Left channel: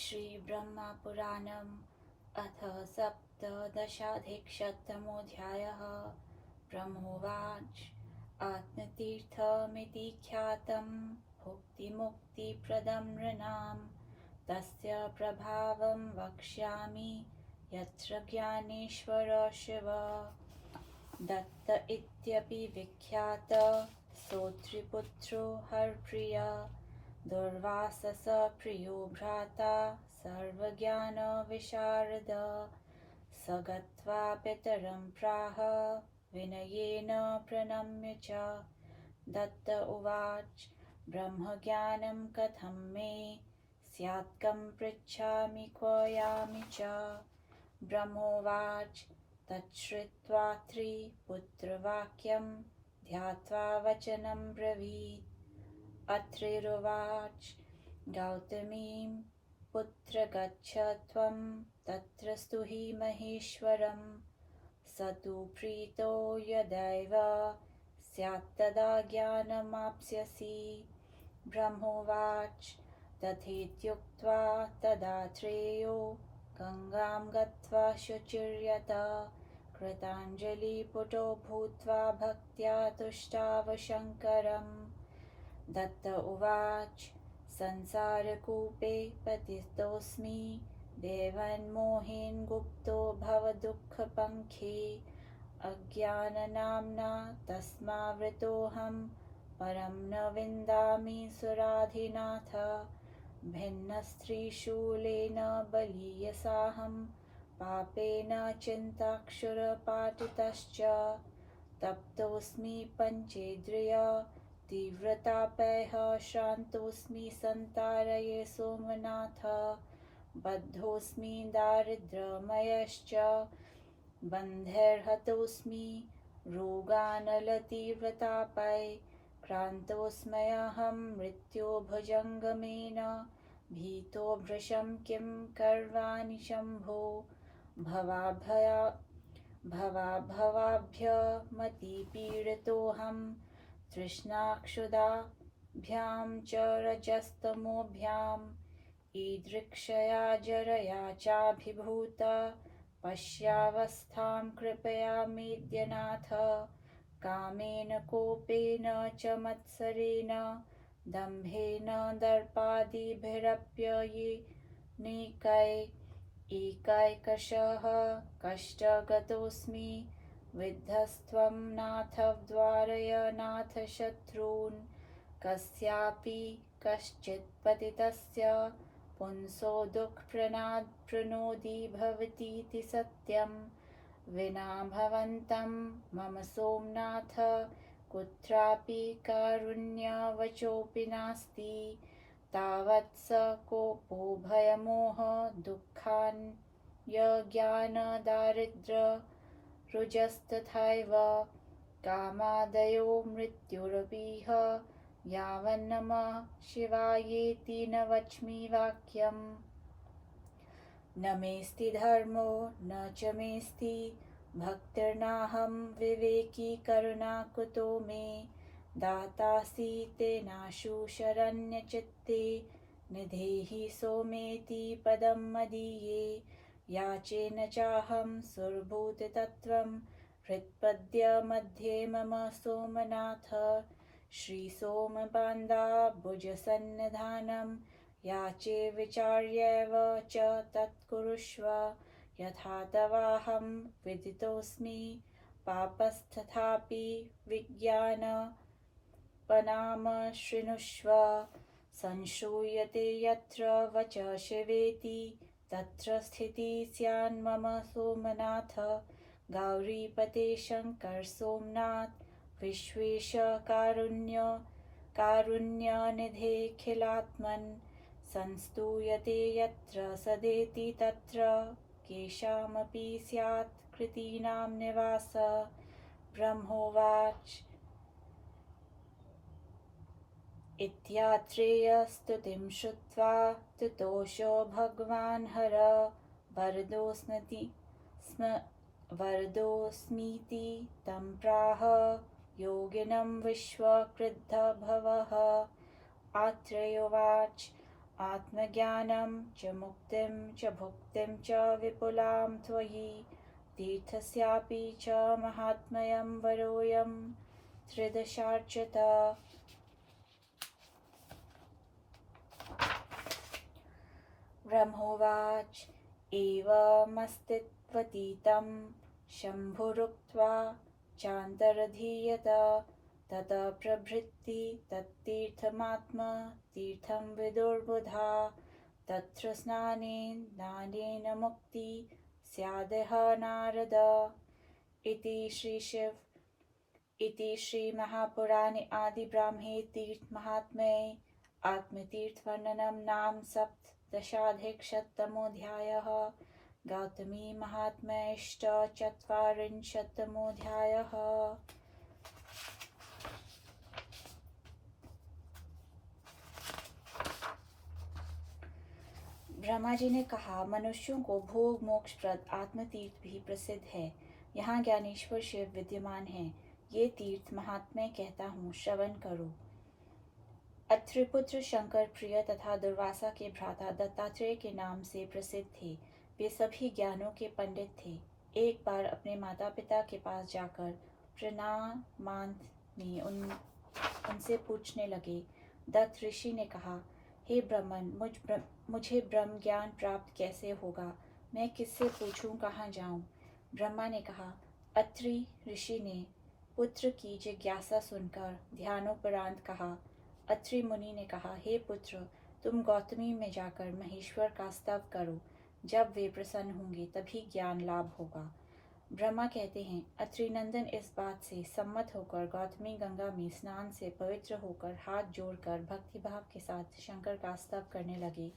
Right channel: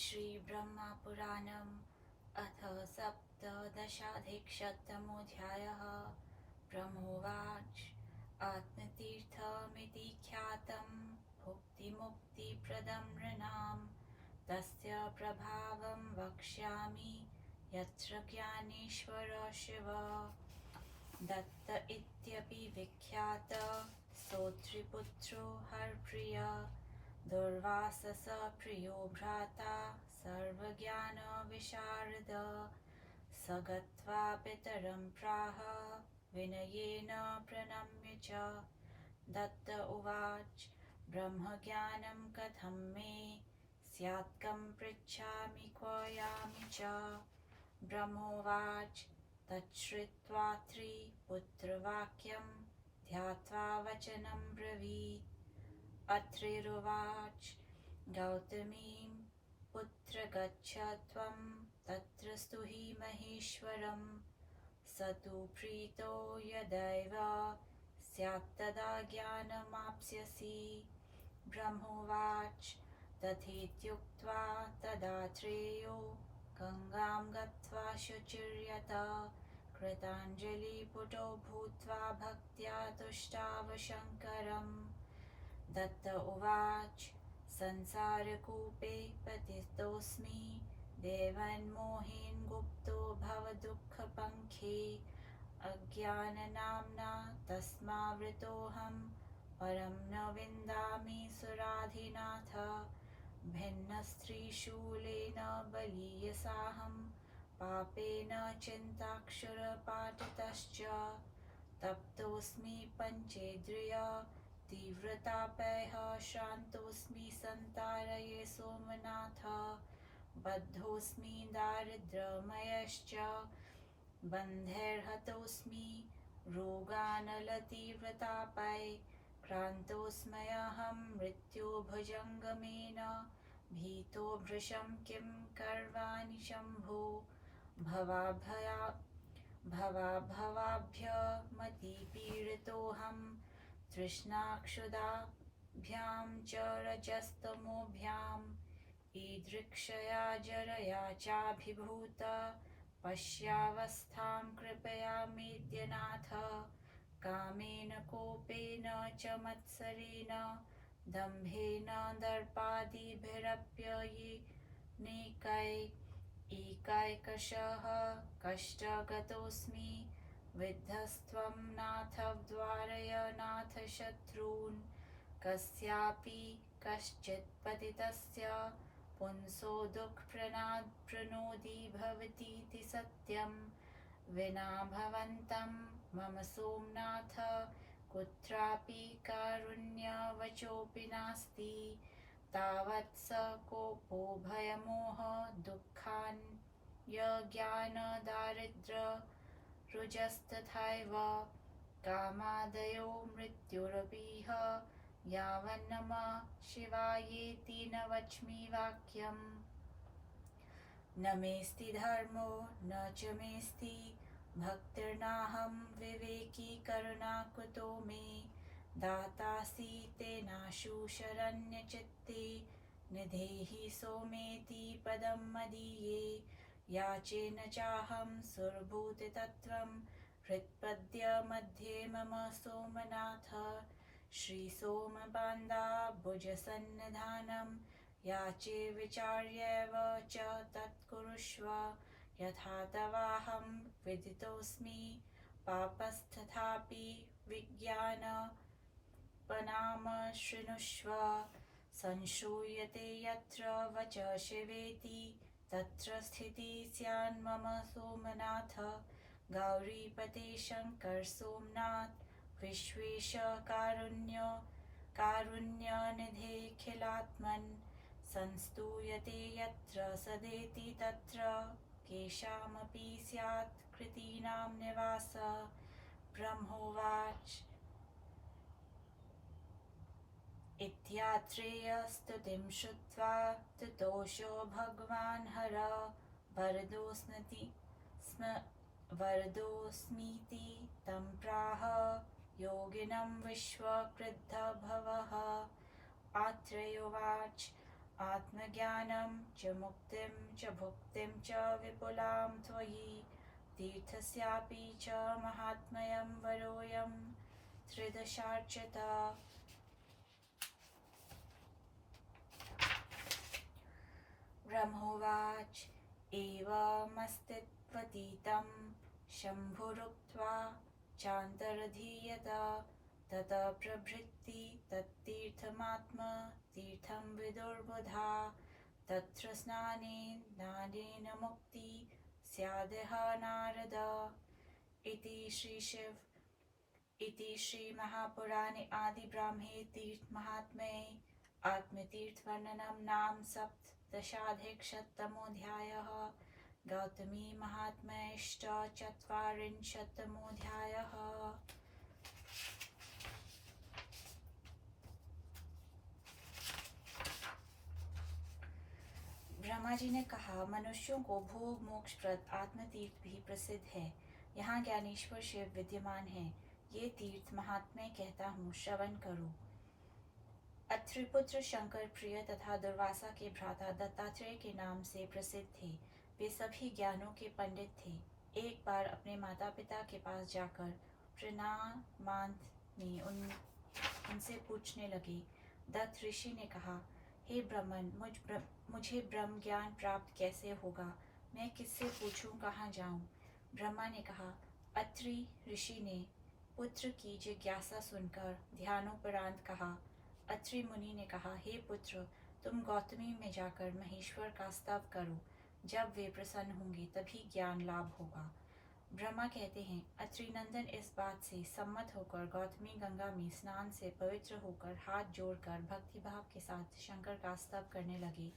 श्रीब्रह्मपुराणम् अथ सप्तदशाधिकशतमोऽध्यायः। ब्रह्मोवाच आत्मतीर्थमिति ख्यातं भुक्तिमुक्तिप्रदं नृणां तस्य प्रभावं वक्ष्यामि यत्र ज्ञानेश्वर शिव दत्त इत्यपि विख्यात सौत्रिपुत्रो हरप्रिय दुर्वासस प्रियो भ्राता सर्वज्ञानविशारद स गत्वा पितरं प्राह विनयेन प्रणम्य च दत्त उवाच ब्रह्मज्ञानं कथं मे स्यात्कं पृच्छामि क्व यामि च ब्रह्मोवाच तच्छ्रुत्वा त्रिपुत्रवाक्यं ध्यात्वा वचनं ब्रवीत् अत्रिरुवाच गौतमीं पुत्र गच्छ त्वं तत्र स्तुहि महेश्वरं स तु प्रीतो यदैव स्यात्तदा ज्ञानमाप्स्यसि ब्रह्मोवाच तथेत्युक्त्वा तदात्रेयो गङ्गां गत्वा शुचिर्यत कृताञ्जलिपुटो भूत्वा भक्त्या तुष्टाव शङ्करम् दत्त उवाच संसारकूपे पतितोऽस्मि देवन्मोहेन गुप्तो भवदुःखपङ्खे अज्ञाननाम्ना तस्मावृतोऽहं परं न विन्दामि सुराधिनाथ भिन्नस्त्रीशूलेन बलीयसाहं पापेन चिन्ताक्षुरपाटितश्च तप्तोऽस्मि पञ्चेन्द्रिय तीव्रतापैः श्रान्तोऽस्मि संतारये सोमनाथ बद्धोऽस्मि दारिद्र्यमयश्च बन्धैर्हतोऽस्मि रोगानलतीव्रतापै क्रान्तोऽस्म्यहं मृत्योर्भुजङ्गमेन भीतो भृशं किं कर्वाणि शम्भो भवाभवाभ्यमतिपीडितोऽहं तृष्णाक्षुधाभ्यां च रजस्तमोभ्याम् ईदृक्षया जरया चाभिभूत पश्यावस्थां कृपयामेद्यनाथ कामेन कोपेन च मत्सरेण दम्भेन दर्पादिभिरप्ययेनैकैकशः कष्टगतोऽस्मि विद्धस्त्वं नाथ द्वारय नाथ शत्रून् कस्यापि कश्चित् पतितस्य पुंसो दुःखप्रणोदी भवतीति सत्यं विना भवन्तं मम सोमनाथ कुत्रापि कारुण्यवचोऽपि नास्ति तावत् स कोपो भयमोह दुःखान्यज्ञानदारिद्र्यरुजस्तथैव कामादयो मृत्युरपीह यावन्नमः शिवायेति न वच्मि वाक्यम् न मेऽस्ति धर्मो न च मेऽस्ति भक्तिर्नाहं विवेकी करुणा कुतो मे दातासि तेनाशु शरण्यचित्ते निधेहि सोमेति पदं मदीये याचे न चाहं सुरभूततत्त्वं हृत्पद्य मध्ये मम सोमनाथ श्रीसोमपादाम्बुजसन्निधानं याचे विचार्यैव च तत्कुरुष्व यथा तवाहं विदितोऽस्मि पापस्तथापि विज्ञानपनाम शृणुष्व संश्रूयते यत्र वच शिवेति तत्र स्थितिः स्यान्मम सोमनाथ गौरीपते शङ्कर सोमनाथ विश्वेश कारुण्यनिधेऽखिलात्मन् संस्तूयते यत्र सदेति तत्र केषामपि स्यात् कृतीनां निवासः ब्रह्मोवाच इत्यात्रेयस्तुतिं श्रुत्वा तुतोषो भगवान् हर वरदोऽस्मीति तं प्राह योगिनं विश्वक्रुद्धभवः आत्रेयोवाच आत्मज्ञानं च मुक्तिं च भुक्तिं च विपुलां त्वयि तीर्थस्यापि च महात्म्यं वरोऽयं त्रिदशार्चित। ब्रह्मोवाच एवमस्तित्वतीतं शम्भुरुक्त्वा चान्तरधीयत ततः प्रभृति तत्तीर्थमात्म तीर्थं विदुर्बुधा तत्र स्नानेन दानेन मुक्ति स्यादह नारद। इति श्रीमहापुराणे आदिब्राह्मे तीर्थमाहात्म्ये आत्मतीर्थवर्णनं नाम सप्तदशाधिकशततमोऽध्यायः। गौतमी महात्म्यश्चत्वारिंशत्तमोऽध्यायः। ब्रह्मा जी ने कहा, मनुष्यों को भोग मोक्षप्रद आत्मतीर्थ भी प्रसिद्ध है। यहाँ ज्ञानेश्वर शिव विद्यमान है। ये तीर्थ महात्म्य कहता हूँ, श्रवण करो। अत्रिपुत्र शंकर प्रिय तथा दुर्वासा के भ्राता दत्तात्रेय के नाम से प्रसिद्ध थे। वे सभी ज्ञानों के पंडित थे। एक बार अपने माता पिता के पास जाकर प्रणामांत में उनसे पूछने लगे। दत्त ऋषि ने कहा, हे ब्रह्मन, मुझे ब्रह्म ज्ञान प्राप्त कैसे होगा? मैं किससे पूछूं, कहाँ जाऊं? ब्रह्मा ने कहा। अत्रि ऋषि ने पुत्र की जिज्ञासा सुनकर ध्यानोपरांत कहा। अत्रि मुनि ने कहा, हे पुत्र, तुम गौतमी में जाकर महेश्वर का स्तव करो। जब वे प्रसन्न होंगे तभी ज्ञान लाभ होगा। ब्रह्मा कहते हैं, अत्रिनंदन इस बात से सम्मत होकर गौतमी गंगा में स्नान से पवित्र होकर हाथ जोड़कर भक्तिभाव के साथ शंकर का स्तव करने लगे।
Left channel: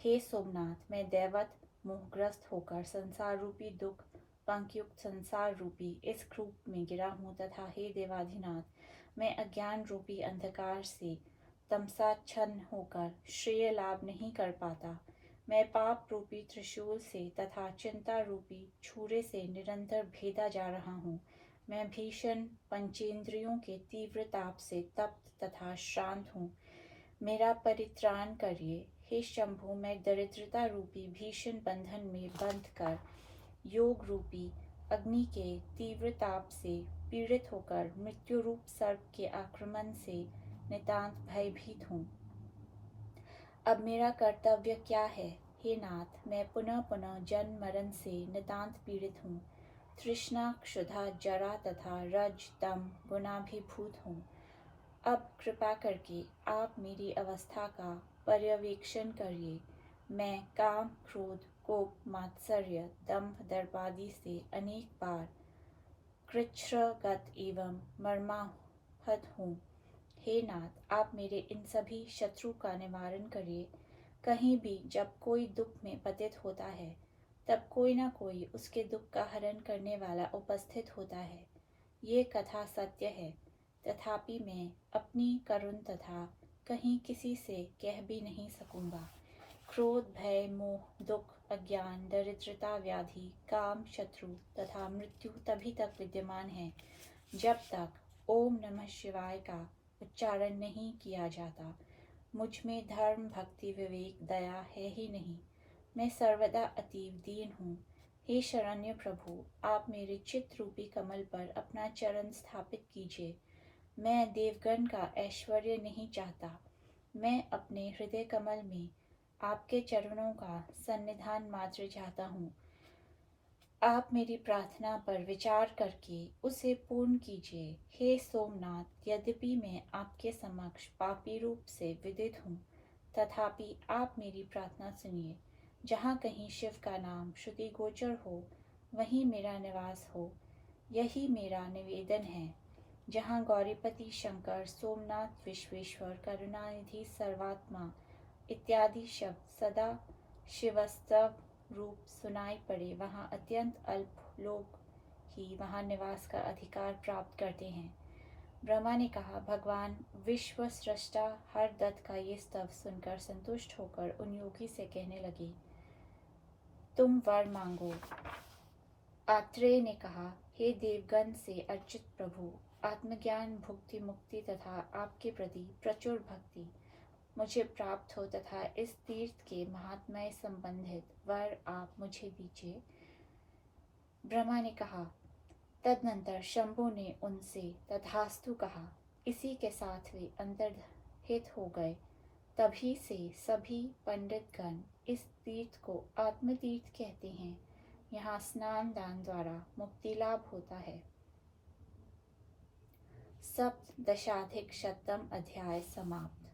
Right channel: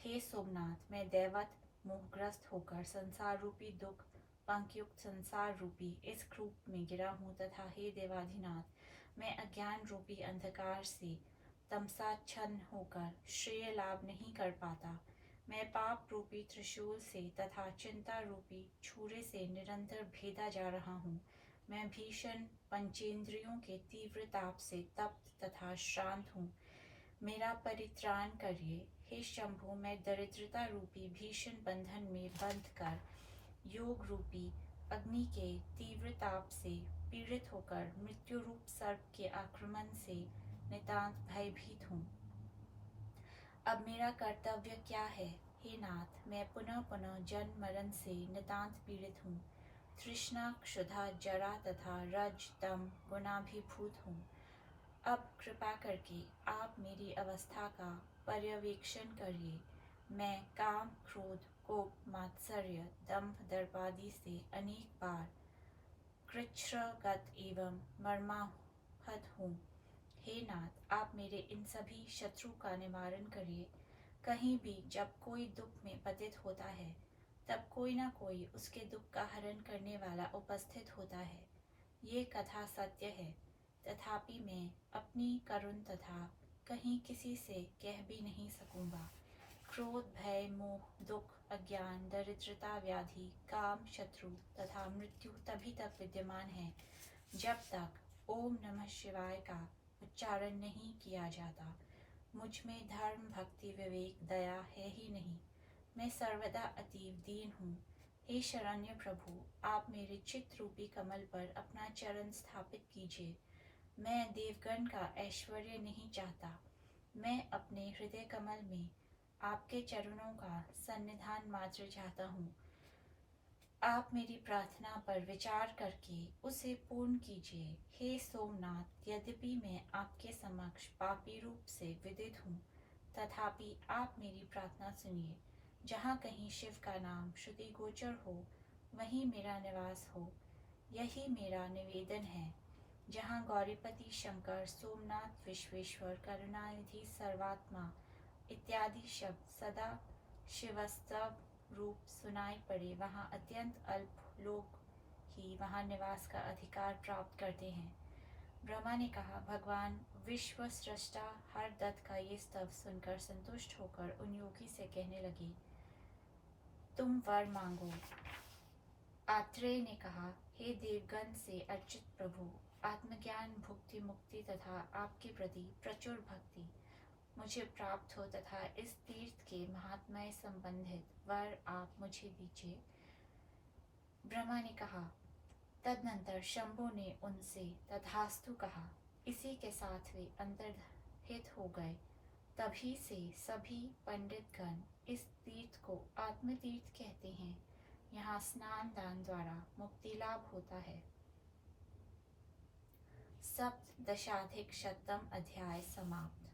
हे सोमनाथ, मैं दैवत मोहग्रस्त होकर संसार रूपी दुख पंकयुक्त संसार रूपी इस कूप में गिरा हूँ तथा हे देवाधिनाथ, मैं अज्ञान रूपी अंधकार से तमसाच्छन्न होकर श्रेय लाभ नहीं कर पाता। मैं पाप रूपी त्रिशूल से तथा चिंता रूपी छुरे से निरंतर भेदा जा रहा हूँ। मैं भीषण पंचेंद्रियों के तीव्र ताप से तप्त तथा श्रांत हूँ। मेरा परित्राण करिए। हे शंभु, मैं दरिद्रता रूपी भीषण बंधन में बंध कर योग रूपी अग्नि के तीव्र ताप से पीड़ित होकर मृत्यु रूप सर्प के आक्रमण से नितांत भयभीत हूँ। अब मेरा कर्तव्य क्या है? हे नाथ, मैं पुनः पुनः जन्म मरण से नितांत पीड़ित हूँ। तृष्णा क्षुधा जरा तथा रज तम गुणाभिभूत हूँ। अब कृपा करके आप मेरी अवस्था का पर्यवेक्षण करिए। मैं काम क्रोध कोप मात्सर्य दंभ दर्पादि से अनेक बार कृच्छ्रगत एवं मर्माहत हूँ। हे नाथ, आप मेरे इन सभी शत्रु का निवारण करिए। कहीं भी जब कोई दुख में पतित होता है तब कोई न कोई उसके दुख का हरण करने वाला उपस्थित होता है। ये कथा सत्य है, तथापि मैं अपनी करुण तथा कहीं किसी से कह भी नहीं सकूंगा। क्रोध भय मोह दुख अज्ञान दरिद्रता व्याधि काम शत्रु तथा मृत्यु तभी तक विद्यमान है जब तक ओम नमः शिवाय का उच्चारण नहीं किया जाता। मुझ में धर्म भक्ति विवेक दया है ही नहीं। मैं सर्वदा अतीव दीन हूँ। हे शरण्य प्रभु, आप मेरे चित्त रूपी कमल पर अपना चरण स्थापित कीजिए। मैं देवगण का ऐश्वर्य नहीं चाहता। मैं अपने हृदय कमल में आपके चरणों का सन्निधान मात्र चाहता हूँ। आप मेरी प्रार्थना पर विचार करके उसे पूर्ण कीजिए। हे सोमनाथ, यद्यपि मैं आपके समक्ष पापी रूप से विदित हूँ, तथापि आप मेरी प्रार्थना सुनिए। जहाँ कहीं शिव का नाम श्रुति गोचर हो, वहीं मेरा निवास हो, यही मेरा निवेदन है। जहाँ गौरीपति शंकर सोमनाथ विश्वेश्वर करुणानिधि सर्वात्मा इत्यादि शब्द सदा शिवस्तव रूप सुनाई पड़े, वहाँ अत्यंत अल्प लोग ही वहाँ निवास का अधिकार प्राप्त करते हैं। ब्रह्मा ने कहा, भगवान विश्व सृष्टा हरदत्त का ये स्तव सुनकर संतुष्ट होकर उन योगी से कहने लगे, तुम वर मांगो। आत्रेय ने कहा, हे देवगण से अर्चित प्रभु, आत्मज्ञान भुक्ति मुक्ति तथा आपके प्रति प्रचुर भक्ति मुझे प्राप्त हो तथा इस तीर्थ के महात्म्य संबंधित वर आप मुझे दीजिए। ब्रह्मा ने कहा। तदनंतर शंभु ने उनसे तथास्तु कहा। इसी के साथ वे अंतर्हित हो गए। तभी से सभी पंडितगण इस तीर्थ को आत्मतीर्थ कहते हैं। यहाँ स्नान दान द्वारा मुक्ति लाभ होता है। सप्तदशाधिक शतम अध्याय समाप्त।